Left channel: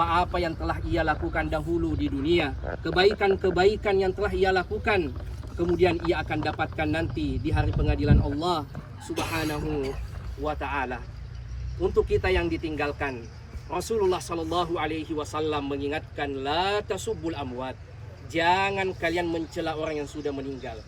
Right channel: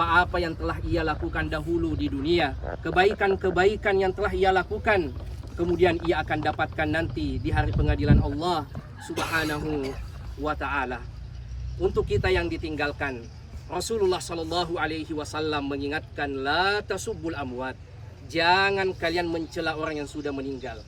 apa yang telah ia lakukan dahulu di dunia, kebaikan-kebaikan yang telah ia lakukan, kemudian ia akan dapatkan nanti di hari pengadilan Allah Subhanahu wa ta'ala. Untuk kita yang ditinggalkan, Rasulullah Shallallahu Alaihi Wasallam mengingatkan, la tasubbul amwat, jangan kalian mencela orang yang sudah meninggal,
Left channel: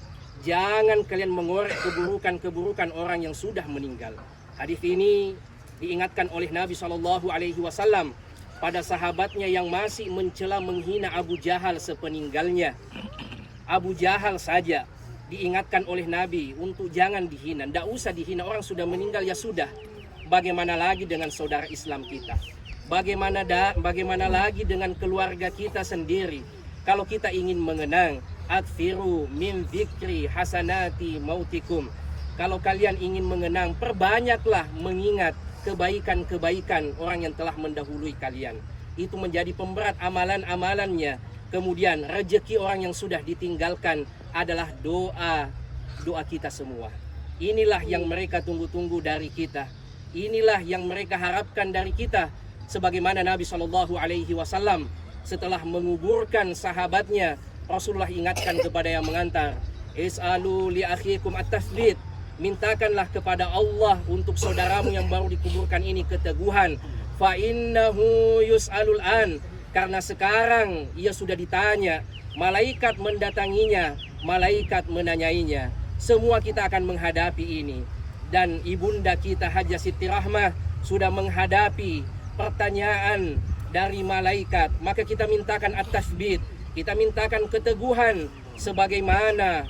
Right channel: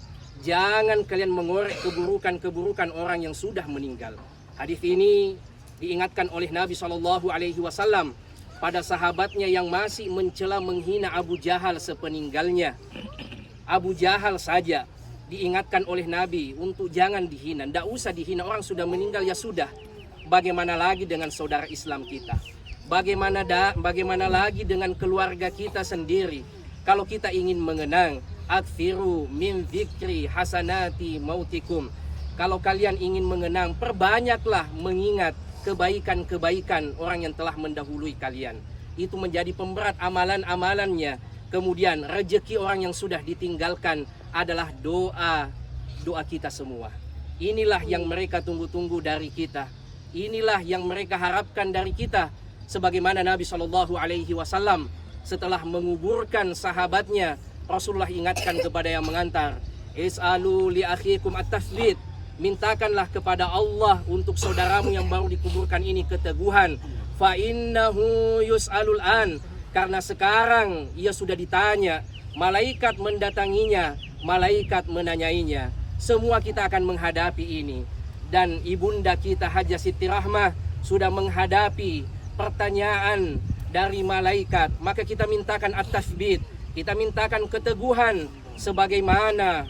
jangan kalian mengorek keburukan-keburukan orang yang sudah meninggal. Hadis ini diingatkan oleh Nabi Shallallahu Alaihi Wasallam pada sahabatnya yang masih mencela menghina Abu Jahal sepeninggalnya. Abu Jahal saja diingatkan oleh Nabi untuk jangan dihina, tidak usah dihina, orang sudah meninggal ya sudah. Bagaimana lagi dengan saudara Islam kita? Bagaimana lagi dengan keluarga kita sendiri? Kalau kita ingin mengenang, akthiru min dzikri hasanati mautikum. Kalau kalian ingin mengenang, perbanyaklah mengingat kebaikan-kebaikan orang yang telah mendahului kalian. Itu menjadi pemberat amalan-amalannya. Kemudian rezeki orang yang sudah ditinggalkan adalah doa kita semua. Inilah yang mereka tunggu-tunggu dari kita. Inilah yang mereka harapkan dari kita. Sebagaimana Nabi Shallallahu Alaihi Wasallam setelah menguburkan sahabatnya, Rasulullah ingatkan kepada yang mengantar, is'alu li akhikum at-tathbit, mintakanlah kepada Allah untuk saudaramu yang baru dikuburkan ini keteguhan. Fa innahu yus'alul an, karena sekarang ia sudah ditanya, malaikat mendatanginya, malaikat menanyainya. Semua kita akan menghadapi ini. Dan ibunda kita Hajjah Siti Rahmah sudah menghadapi pertanyaan dari malaikat. Maka kita mintakan at-tathbit, kita mintakan keteguhan sebagaimana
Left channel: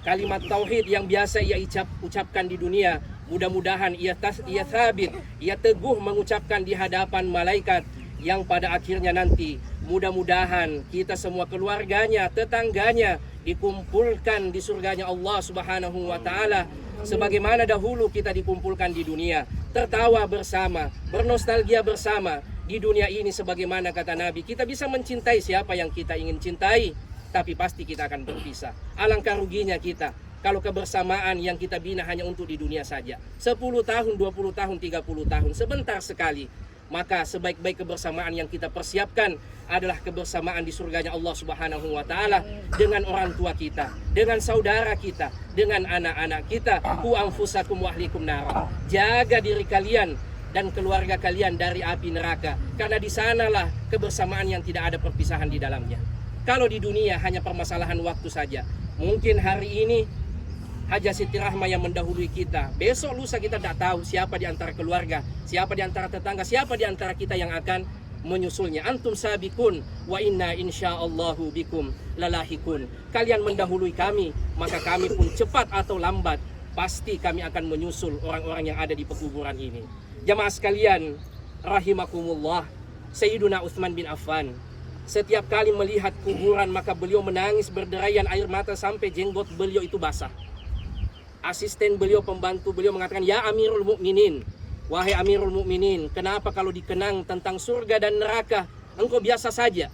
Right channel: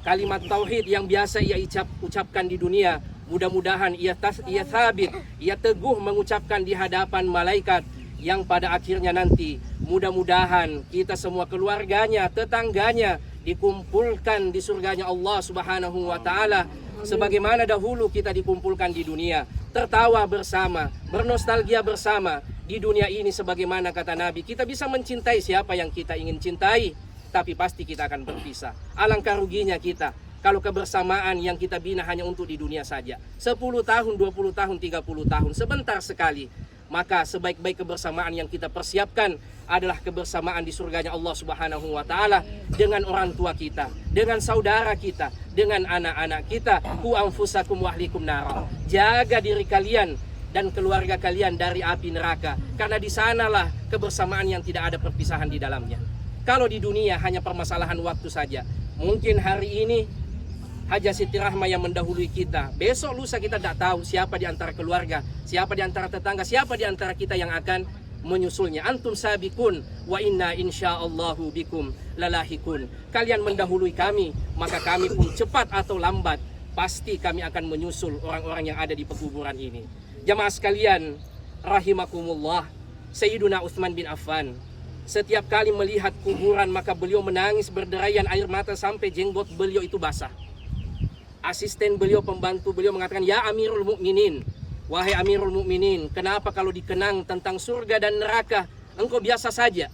kalimat tauhid yang biasa ia ucapkan di dunia. Mudah-mudahan ia sabit, ia teguh mengucapkan di hadapan malaikat, yang pada akhirnya nanti mudah-mudahan kita semua keluarganya, tetangganya dikumpulkan di surganya Allah Subhanahu wa ta'ala, sebagaimana dahulu kita dikumpulkan di dunia, tertawa bersama, bernostalgia bersama. Di dunia ini sebagaimana kata Nabi, kita bisa mencintai siapa yang kita ingin cintai, tapi pasti kita akan berpisah. Alangkah ruginya kita kalau kebersamaan yang kita bina hanya untuk di dunia saja, 10 tahun, 20 tahun, 30 tahun, sebentar sekali. Maka sebaik-baik kebersamaan yang kita persiapkan adalah kebersamaan di surganya Allah Subhanahu wa ta'ala, dengan orang tua kita, dengan saudara kita, dengan anak-anak kita. Qu anfusakum wa ahlikum nara, jaga diri kalian dan keluarga kalian dari api neraka, karena di sanalah kebersamaan yang tidak ada perpisahan di dalamnya. Kalau di dunia hanya permasalahan waktu saja. Mungkin hari ini Hajjah Siti Rahmah yang mendahului kita, besok lusa kita tidak tahu siapa di antara keluarga, siapa di antara tetangga, siapa di antara kita yang akan menyusulnya. Antum sabikun wa inna insyaallahu bikum lalahikun. Kalian mendahului kami, maka kami pun cepat atau lambat pasti kami akan menyusul orang-orang yang ada di pekuburan ini. Jamaah sekalian rahimakumullah, Sayyiduna Utsman bin Affan setiap kali melihat kuburan maka beliau menangis berderayan air mata sampai jenggot beliau itu basah. Asisten beliau, pembantu beliau mengatakan, ya Amirul Mukminin, wahai Amirul Mukminin, kenapa kalau dikenang tentang surga dan neraka engkau biasa saja,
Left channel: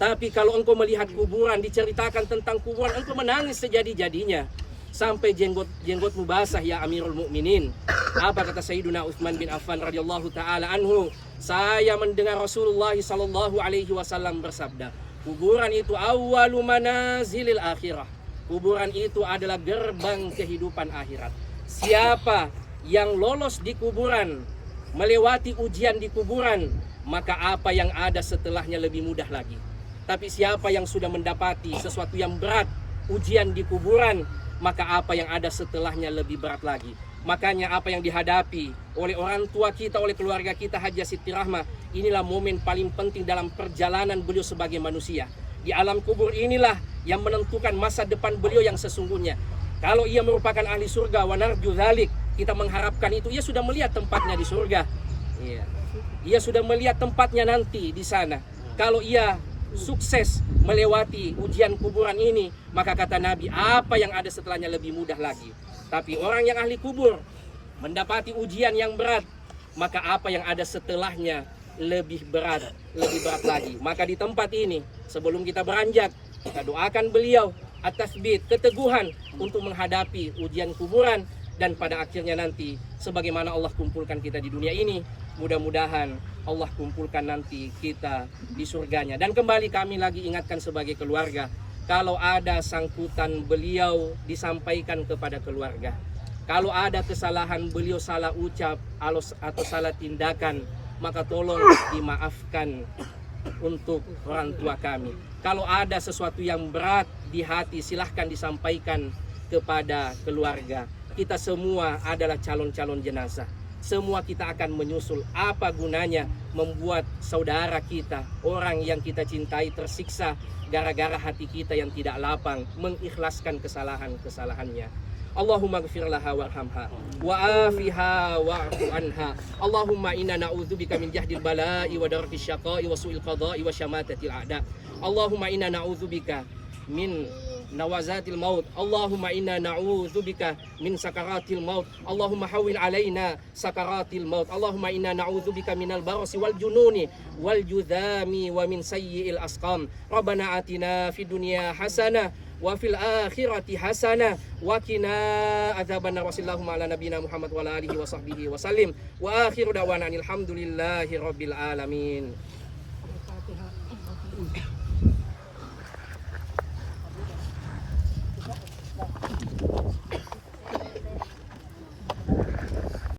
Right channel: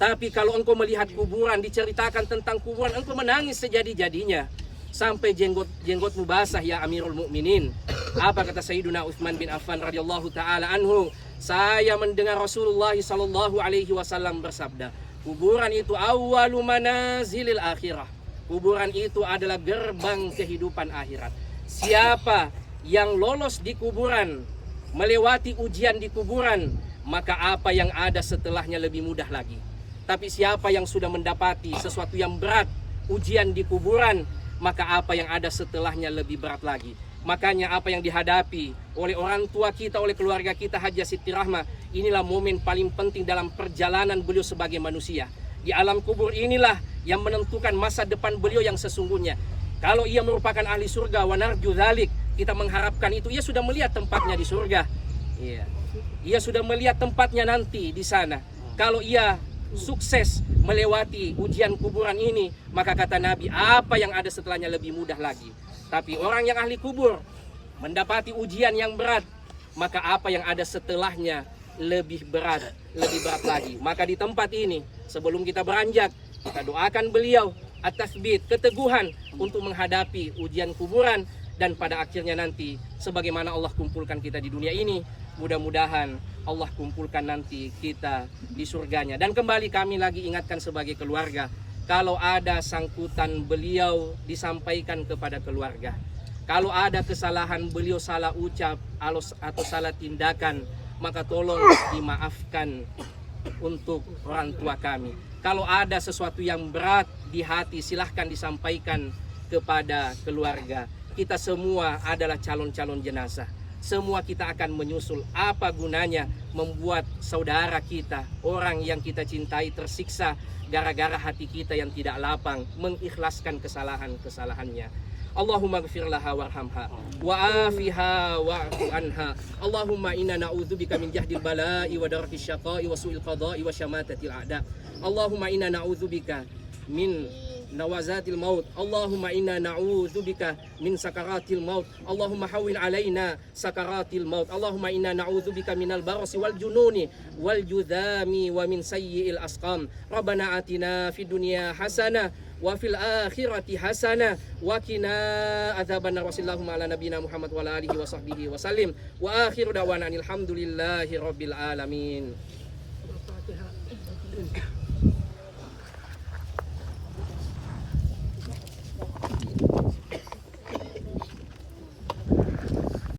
tapi kalau engkau melihat kuburan, diceritakan tentang kuburan, engkau menangis sejadi-jadinya sampai jenggotmu basah ya Amirul Mukminin. Apa kata Sayyiduna Utsman bin Affan radhiyallahu taala anhu? Saya mendengar Rasulullah sallallahu alaihi wasallam bersabda, kuburan itu awwalu manazilil akhirah. Kuburan itu adalah gerbang kehidupan akhirat. Siapa yang lolos di kuburan, melewati ujian di kuburan, maka apa yang ada setelahnya lebih mudah lagi. Tapi siapa yang sudah mendapati sesuatu yang berat, ujian di kuburan, maka apa yang ada setelahnya lebih berat lagi. Makanya apa yang dihadapi oleh orang tua kita, oleh keluarga kita Hajjah Siti Rahmah, inilah momen paling penting dalam perjalanan beliau sebagai manusia. Di alam kubur inilah yang menentukan masa depan beliau yang sesungguhnya. Kalau ia merupakan ahli surga, wa narju dzalik, kita mengharapkan itu, ia sudah melihat tempatnya di surga. Iya. Ia sudah melihat tempatnya nanti di sana. Kalau ia sukses melewati ujian kuburan ini, maka kata Nabi, apa yang ada setelahnya lebih mudah lagi. Tapi orang yang ahli kubur mendapati ujian yang berat, maka apa yang ada setelahnya lebih berat lagi. Maka di tempat ini, sebelum kita beranjak, kita doakan beliau at-tathbit, keteguhan untuk menghadapi ujian kuburan, dan pada akhirnya nanti sebagaimana Allah kumpulkan kita di dunia ini, Mudah-mudahan Allah kumpulkan nanti kita di surganya. Dan kembali kami lagi ingatkan sebagai keluarga, kalau ada sangkutan beliau disampaikan kepada keluarga. Kalau ada kesalahan beliau, salah ucap atau salah tindakan, maka tolong dimaafkan untuk orang tua kami. Kalau ada sesuatu yang berat di hati, silahkan disampaikan kepada keluarga. Kita semua adalah calon-calon jenazah. Semua kita akan menyusul. Apa gunanya membuat saudara kita, orang yang kita cintai, tersiksa gara-gara hati kita yang tidak lapang, mengikhlaskan kesalahan-kesalahannya. Allahumma gfir laha warhamha wa afiha wa'fu anha. Allahumma inna na'udzubika min jahdil bala'i wa darkis syaqa'i wa su'il qada'i wa syamatatil a'da. Allahumma inna na'udzubika min nawazatil maut. Allahumma inna na'udzubika min sakaratil maut. Allahumma hawil alaina sakaratil maut. Allahumma inna na'udzubika minal barasi wal jununi wal judhami wa min sayyi'il asqam. Rabbana atina fid dunya hasanah wa fil akhirati hasanah wa qina adzabannar. Wassallallahu ala nabiyyina Muhammad wa ala alihi wa sahbihi wa sallim. Wa akhiru da'wana alhamdulillahi rabbil alamin.